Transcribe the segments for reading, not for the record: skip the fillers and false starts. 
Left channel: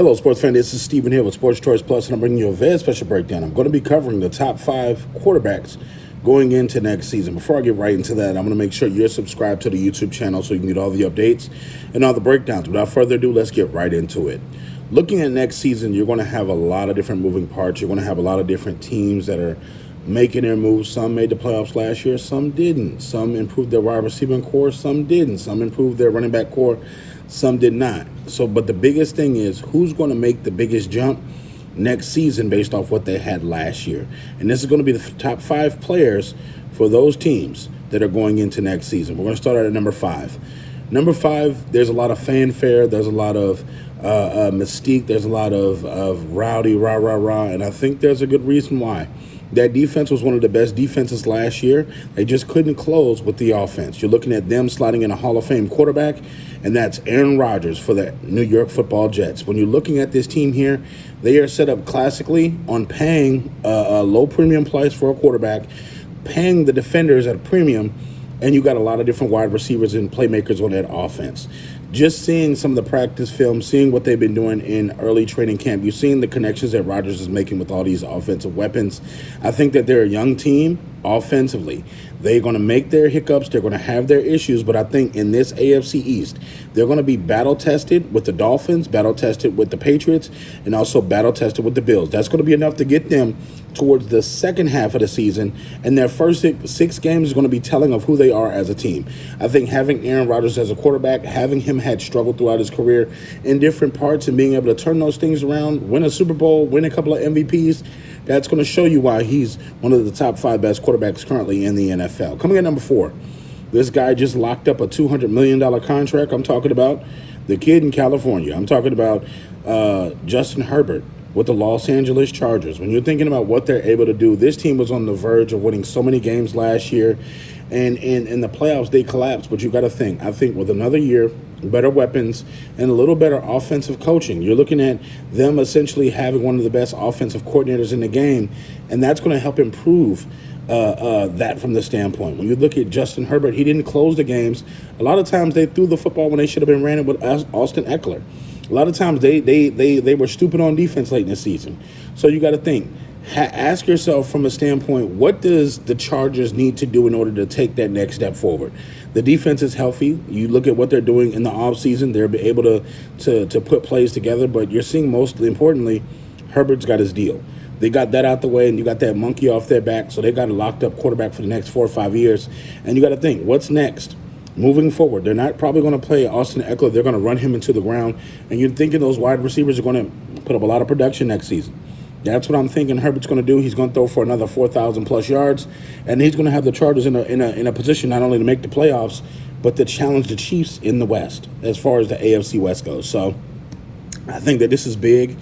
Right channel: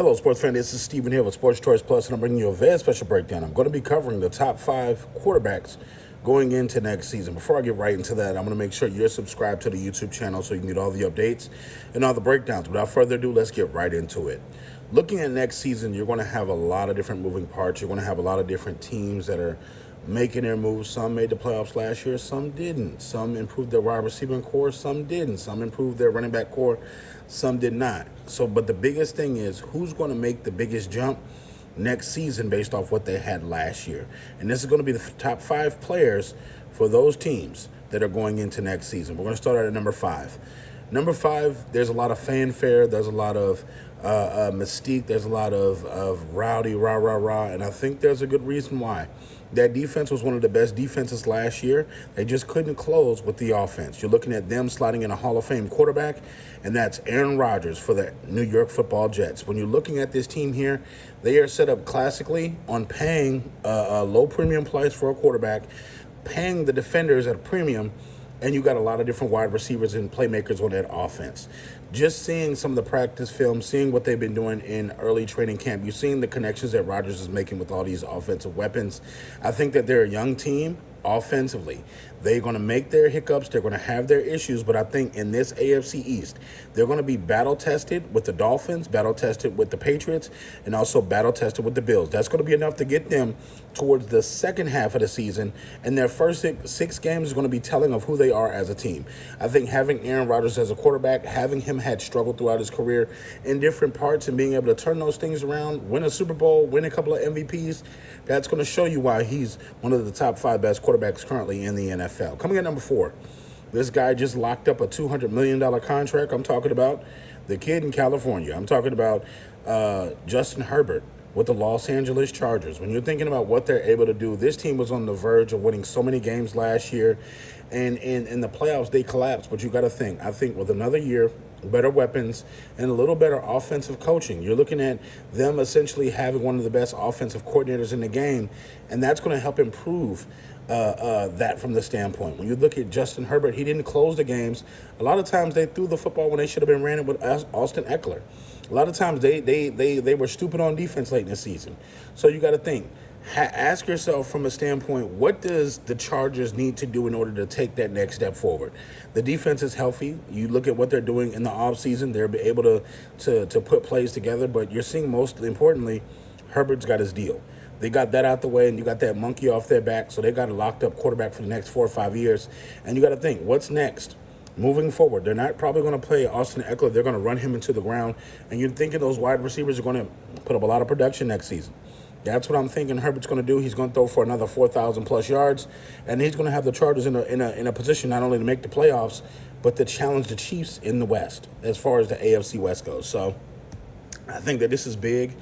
Hello, sports fan. This is Stephen here with Sports Choice Plus, and I'm bringing you a very special breakdown. I'm going to be covering the top 5 quarterbacks going into next season. Before I get right into that, I'm going to make sure you're subscribed to the YouTube channel so you can get all the updates and all the breakdowns. Without further ado, let's get right into it. Looking at next season, you're going to have a lot of different moving parts. You're going to have a lot of different teams that are making their moves. Some made the playoffs last year, some didn't. Some improved their wide receiving core, some didn't. Some improved their running back core, some did not. But the biggest thing is who's going to make the biggest jump next season based off what they had last year. And this is going to be the top 5 players for those teams that are going into next season. We're going to start at number 5. Number 5, there's a lot of fanfare. There's a lot of mystique. There's a lot of rowdy, rah, rah, rah. And I think there's a good reason why. That defense was one of the best defenses last year. They just couldn't close with the offense. You're looking at them sliding in a Hall of Fame quarterback, and that's Aaron Rodgers for the New York Football Jets. When you're looking at this team here, they are set up classically on paying a low premium price for a quarterback, paying the defenders at a premium, and you got a lot of different wide receivers and playmakers on that offense. Just seeing some of the practice film, seeing what they've been doing in early training camp, you've seen the connections that Rodgers is making with all these offensive weapons. I think that they're a young team offensively. They're going to make their hiccups. They're going to have their issues. But I think in this AFC East, they're going to be battle-tested with the Dolphins, battle-tested with the Patriots, and also battle-tested with the Bills. That's going to be enough to get them towards the second half of the season, and their first 6 games is going to be telling of who they are as a team. I think having Aaron Rodgers as a quarterback, having him had struggled throughout his career in different parts and being able to turn those things around, win a Super Bowl, win a couple of MVPs, that's going to show you why he's one of the top 5 best quarterbacks currently in the NFL. Coming at number 4, this guy just locked up a $200 million contract. I'm talking about the kid in California. I'm talking about Justin Herbert with the Los Angeles Chargers. When you're thinking about what they're able to do, this team was on the verge of winning so many games last year, and in the playoffs they collapsed. But you got to think, I think with another year, better weapons, and a little better offensive coaching, you're looking at them essentially having one of the best offensive coordinators in the game, and that's going to help improve that from the standpoint. When you look at Justin Herbert, he didn't close the games. A lot of times they threw the football when they should have been ran it with Austin Eckler. A lot of times they were stupid on defense late in the season. So you got to think, ask yourself from a standpoint, what does the Chargers need to do in order to take that next step forward? The defense is healthy. You look at what they're doing in the offseason, they're able to put plays together, but you're seeing most importantly, Herbert's got his deal. They got that out the way, and you got that monkey off their back, so they got a locked-up quarterback for the next 4 or 5 years. And you got to think, what's next? Moving forward, they're not probably going to play Austin Eckler. They're going to run him into the ground, and you're thinking those wide receivers are going to put up a lot of production next season. That's what I'm thinking Herbert's going to do. He's going to throw for another 4,000-plus yards, and he's going to have the Chargers in a position not only to make the playoffs, but to challenge the Chiefs in the West as far as the AFC West goes. So I think that this is big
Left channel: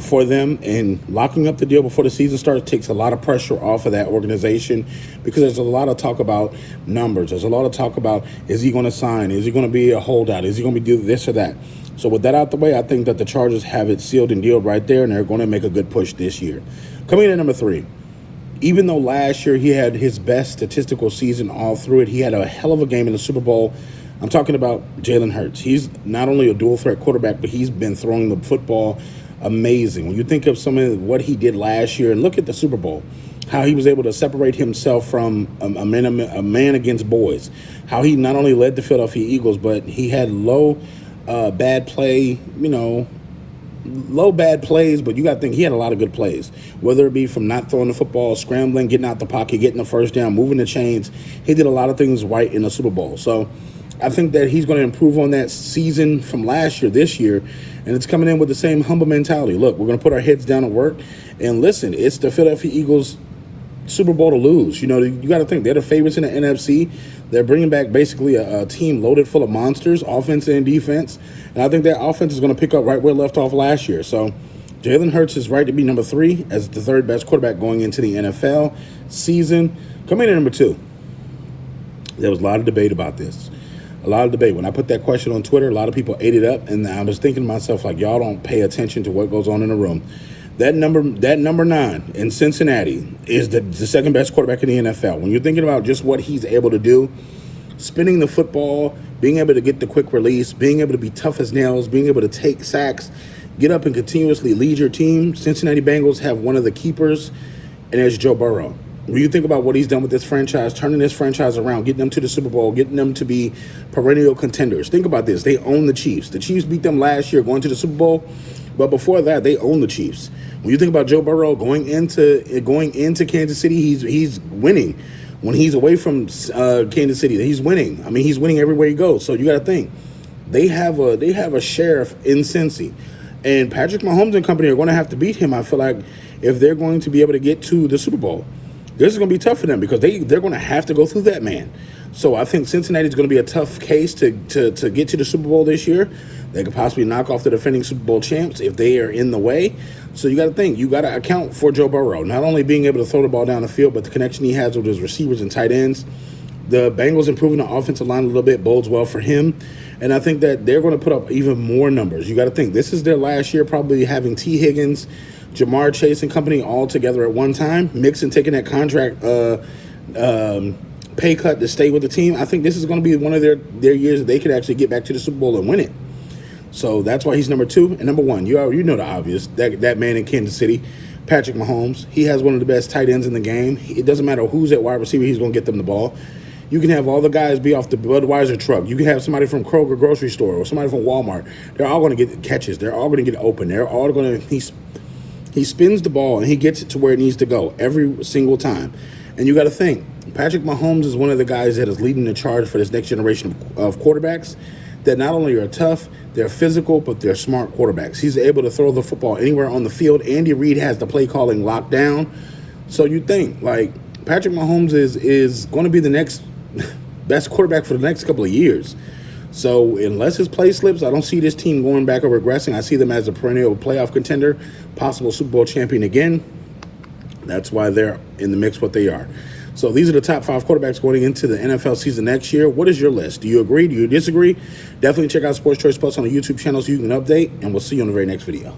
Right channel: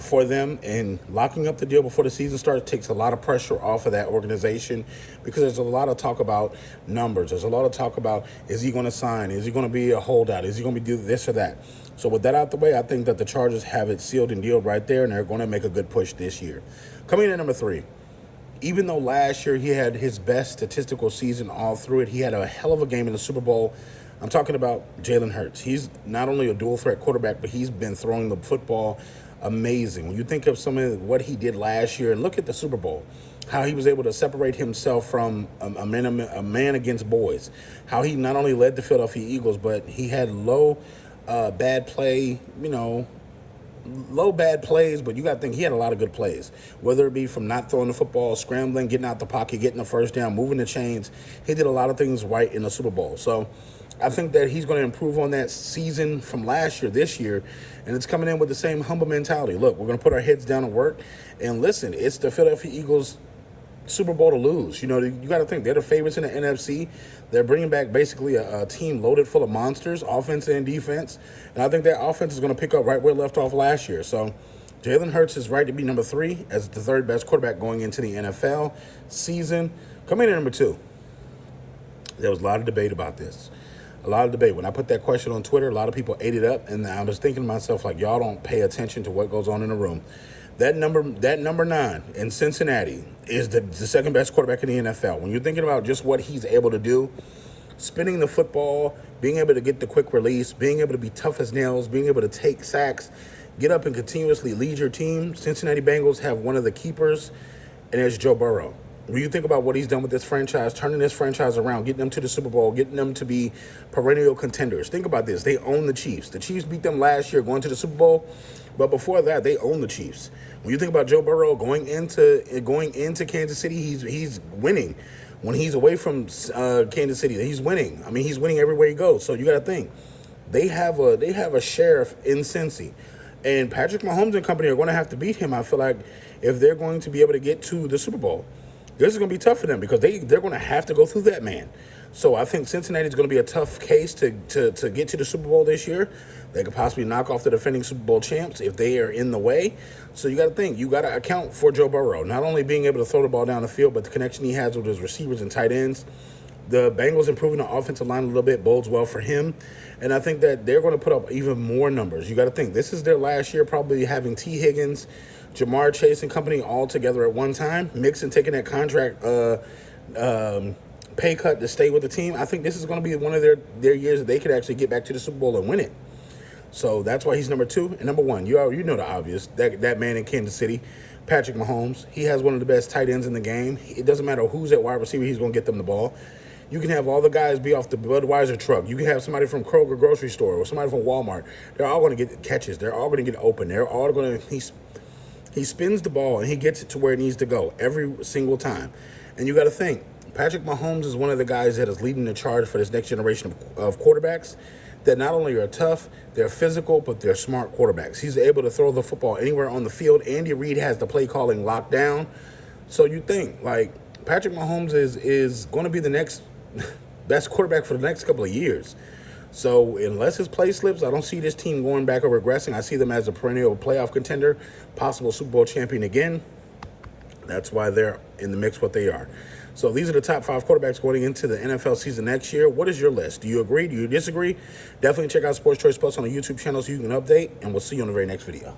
for them, and locking up the deal before the season starts takes a lot of pressure off of that organization, because there's a lot of talk about numbers. There's a lot of talk about, is he going to sign? Is he going to be a holdout? Is he going to do this or that? So with that out the way, I think that the Chargers have it sealed and dealed right there, and they're going to make a good push this year. Coming in at number 3, even though last year he had his best statistical season all through it, he had a hell of a game in the Super Bowl. I'm talking about Jalen Hurts. He's not only a dual-threat quarterback, but he's been throwing the football amazing. When you think of some of what he did last year, and look at the Super Bowl, how he was able to separate himself from a man against boys, how he not only led the Philadelphia Eagles, but he had low bad plays, but you got to think he had a lot of good plays, whether it be from not throwing the football, scrambling, getting out the pocket, getting the first down, moving the chains. He did a lot of things right in the Super Bowl. So I think that he's going to improve on that season from last year, this year, and it's coming in with the same humble mentality. Look, we're going to put our heads down and work, and listen, it's the Philadelphia Eagles Super Bowl to lose. You got to think they're the favorites in the NFC. They're bringing back basically a team loaded full of monsters, offense and defense, and I think their offense is going to pick up right where it left off last year. So Jalen Hurts is right to be number 3 as the 3rd best quarterback going into the NFL season. Coming in at number 2, there was a lot of debate about this. A lot of debate. When I put that question on Twitter, a lot of people ate it up, and I was thinking to myself, like, y'all don't pay attention to what goes on in the room. That number 9 in Cincinnati is the second best quarterback in the NFL. When you're thinking about just what he's able to do, spinning the football, being able to get the quick release, being able to be tough as nails, being able to take sacks, get up and continuously lead your team. Cincinnati Bengals have one of the keepers, and there's Joe Burrow. When you think about what he's done with this franchise, turning this franchise around, getting them to the Super Bowl, getting them to be perennial contenders. Think about this. They own the Chiefs. The Chiefs beat them last year going to the Super Bowl, but before that, they own the Chiefs. When you think about Joe Burrow going into Kansas City, he's winning. When he's away from Kansas City, he's winning. I mean, he's winning everywhere he goes. So you got to think. They have a sheriff in Cincy. And Patrick Mahomes and company are going to have to beat him, I feel like, if they're going to be able to get to the Super Bowl. This is going to be tough for them because they're going to have to go through that man. So I think Cincinnati is going to be a tough case to get to the Super Bowl this year. They could possibly knock off the defending Super Bowl champs if they are in the way. So you got to think. You got to account for Joe Burrow, not only being able to throw the ball down the field, but the connection he has with his receivers and tight ends. The Bengals improving the offensive line a little bit bodes well for him. And I think that they're going to put up even more numbers. You got to think. This is their last year probably having T. Higgins, Jamar Chase and company all together at one time. Mixon taking that contract pay cut to stay with the team. I think this is going to be one of their years that they could actually get back to the Super Bowl and win it. So that's why he's number 2. And number 1, you know the obvious. That man in Kansas City, Patrick Mahomes. He has one of the best tight ends in the game. It doesn't matter who's at wide receiver, he's going to get them the ball. You can have all the guys be off the Budweiser truck. You can have somebody from Kroger grocery store or somebody from Walmart. They're all going to get catches. They're all going to get open. They're all going to he spins the ball and he gets it to where it needs to go every single time. And you got to think, Patrick Mahomes is one of the guys that is leading the charge for this next generation of quarterbacks that not only are tough, they're physical, but they're smart quarterbacks. He's able to throw the football anywhere on the field. Andy Reid has the play calling locked down. So you think, like, Patrick Mahomes is going to be the next best quarterback for the next couple of years. So unless his play slips, I don't see this team going back or regressing. I see them as a perennial playoff contender, possible Super Bowl champion again. That's why they're in the mix what they are. So these are the top 5 quarterbacks going into the NFL season next year. What is your list? Do you agree? Do you disagree? Definitely check out Sports Choice Plus on the YouTube channel so you can update, and we'll see you on the very next video.